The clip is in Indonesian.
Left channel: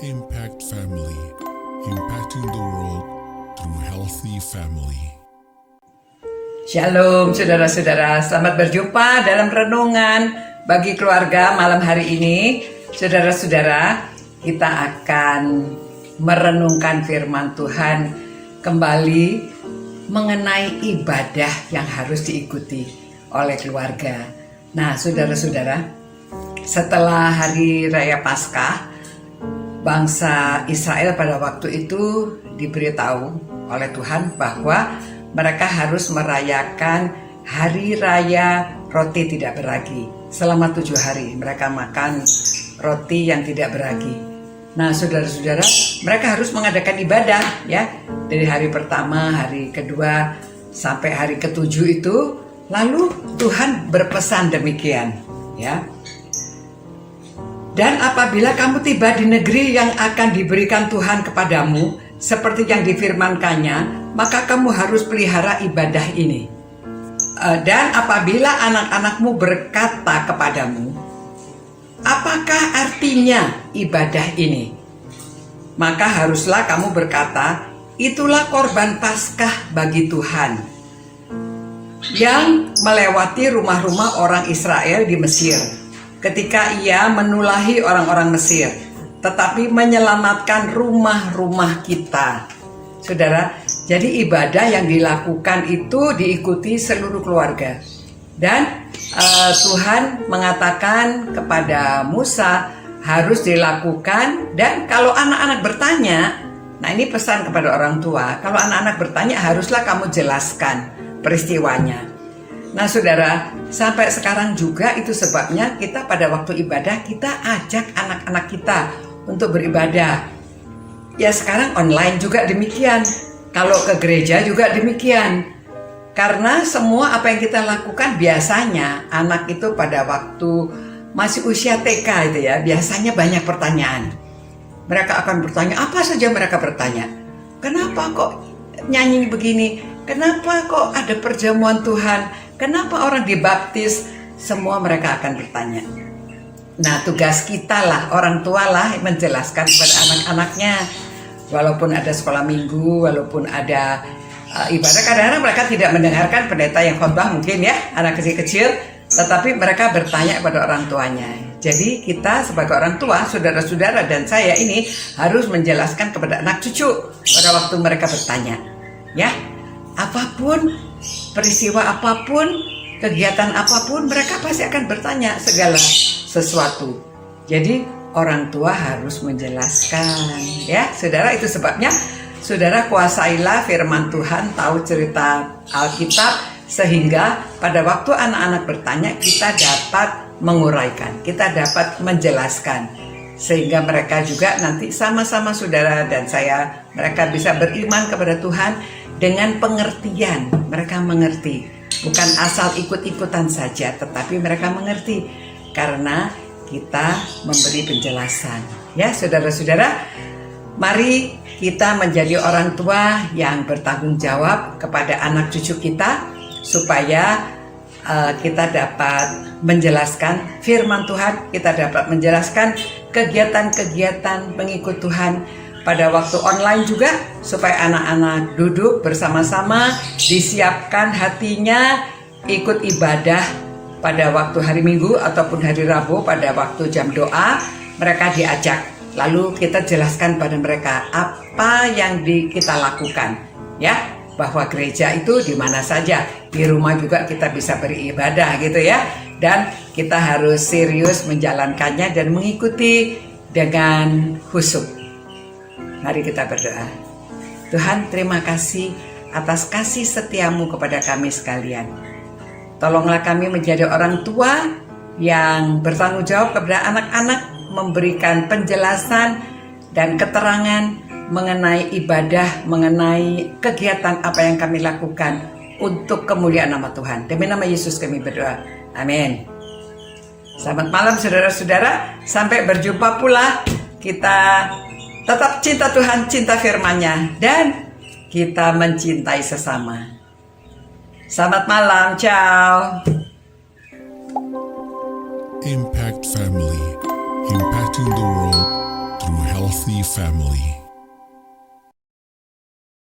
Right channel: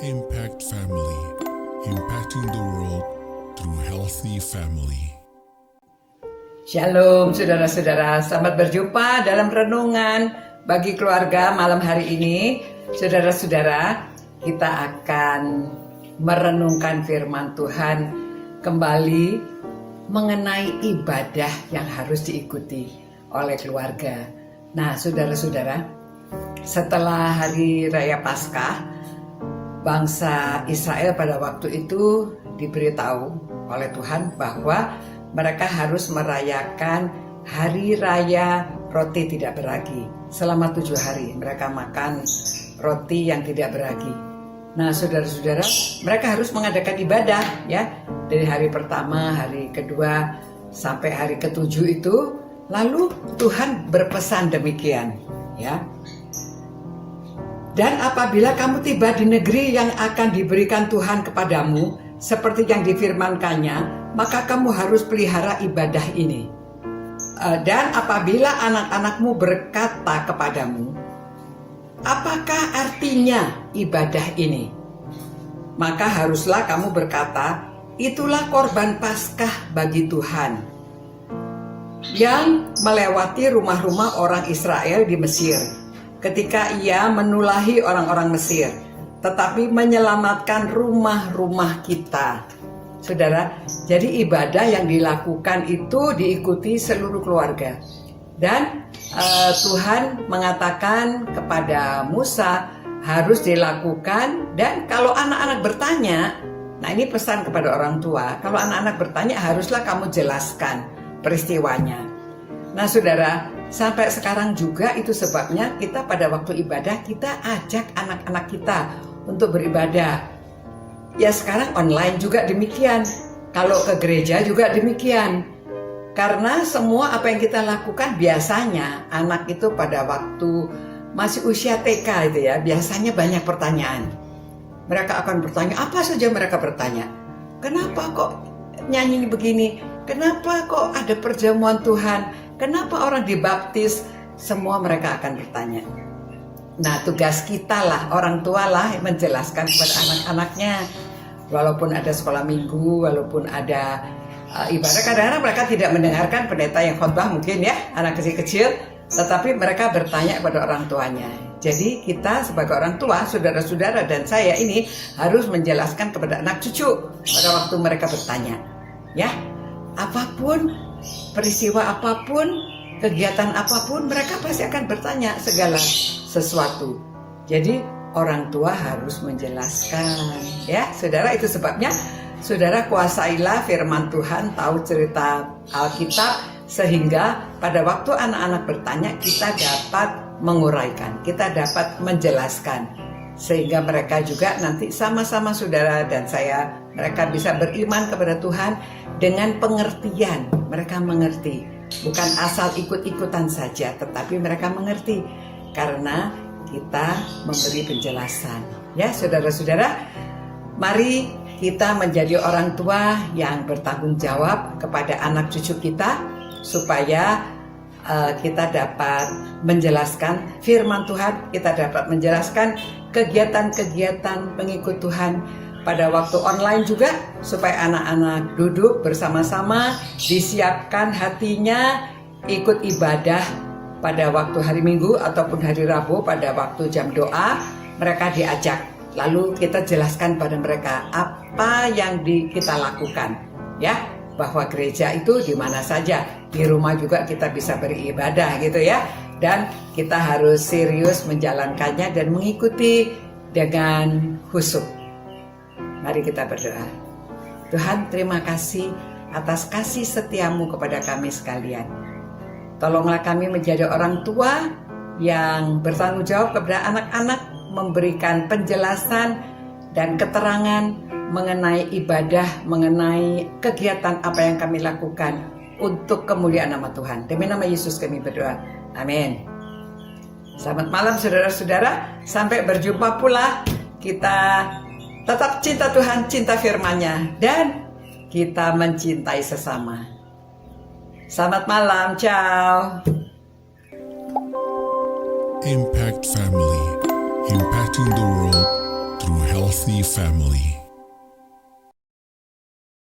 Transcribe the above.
Impact Family, impacting the world through healthy family. Shalom saudara-saudara, selamat berjumpa dalam renungan bagi keluarga malam hari ini. Saudara-saudara, kita akan merenungkan firman Tuhan kembali mengenai ibadah yang harus diikuti oleh keluarga. Nah, saudara-saudara, setelah hari raya Paskah, bangsa Israel pada waktu itu diberitahu oleh Tuhan bahwa mereka harus merayakan hari raya roti tidak beragi. Selama 7 hari mereka makan roti yang tidak beragi. Nah, saudara-saudara, mereka harus mengadakan ibadah ya. Dari hari pertama, hari kedua, sampai hari ke-7 itu. Lalu Tuhan berpesan demikian ya. Dan apabila kamu tiba di negeri yang akan diberikan Tuhan kepadamu, seperti yang difirmankannya, maka kamu harus pelihara ibadah ini. Dan apabila anak-anakmu berkata kepadamu, apakah artinya ibadah ini? Maka haruslah kamu berkata, itulah korban Paskah bagi Tuhan, yang melewati rumah-rumah orang Israel di Mesir, ketika ia menulahi orang-orang Mesir, tetapi menyelamatkan rumah-rumah kita. Saudara, jadi ibadah yang dilakukan itu diikuti seluruh keluarga. Dan Tuhan mengatakan kepada Musa harus dilakukan. Dan kalau anak-anak bertanya, nah ini pesan kepada orang tua, kalau anak-anak bertanya haruslah kamu jelaskan peristiwanya. Nah saudara, sampai sekarang juga itu sebabnya kita pada waktu ibadah kita ajak anak-anak kita untuk beribadah. Ya sekarang online juga demikian. Kalau ke gereja juga demikian. Karena semua apa yang kita lakukan biasanya anak itu pada waktu masih usia TK itu ya, biasanya banyak pertanyaan. Mereka akan bertanya, apa saja mereka bertanya. Kenapa kok nyanyi begini? Kenapa kok ada perjamuan Tuhan? Kenapa orang dibaptis? Semua mereka akan bertanya. Nah, tugas kita lah, orang tua lah menjelaskan kepada anak-anaknya. Walaupun ada sekolah minggu, walaupun ada ibadah, kadang-kadang mereka tidak mendengarkan pendeta yang khotbah mungkin ya, anak kecil-kecil. Tetapi mereka bertanya kepada orang tuanya. Jadi kita sebagai orang tua, saudara-saudara dan saya ini harus menjelaskan kepada anak cucu pada waktu mereka bertanya. Ya, apapun, peristiwa apapun, kegiatan apapun, mereka pasti akan bertanya segala sesuatu. Jadi orang tua harus menjelaskan ya saudara. Itu sebabnya saudara kuasailah firman Tuhan, tahu cerita Alkitab, sehingga pada waktu anak-anak bertanya kita dapat menguraikan, kita dapat menjelaskan, sehingga mereka juga nanti sama-sama saudara dan saya, mereka bisa beriman kepada Tuhan dengan pengertian. Mereka mengerti, bukan asal ikut-ikutan saja, tetapi mereka mengerti karena kita memberi penjelasan. Ya saudara-saudara, mari kita menjadi orang tua yang bertanggung jawab kepada anak cucu kita, supaya kita dapat menjelaskan firman Tuhan, kita dapat menjelaskan kegiatan-kegiatan pengikut Tuhan pada waktu online juga, supaya anak-anak duduk bersama-sama, disiapkan hatinya ikut ibadah pada waktu hari Minggu ataupun hari Rabu. Pada waktu jam doa mereka diajak, lalu kita jelaskan pada mereka apa yang kita lakukan ya, bahwa gereja itu di mana saja, di rumah juga kita bisa beribadah gitu ya, dan kita harus serius menjalankannya dan mengikuti dengan khusyuk. Mari kita berdoa. Tuhan, terima kasih atas kasih setiamu kepada kami sekalian. Tolonglah kami menjadi orang tua yang bertanggung jawab kepada anak-anak, memberikan penjelasan dan keterangan mengenai ibadah, mengenai kegiatan apa yang kami lakukan untuk kemuliaan nama Tuhan. Demi nama Yesus kami berdoa. Amin. Selamat malam saudara-saudara. Sampai berjumpa pula. Kita tetap cinta Tuhan, cinta firman-Nya, dan kita mencintai sesama. Selamat malam, ciao. Impact Family, impacting the world through healthy healthy family.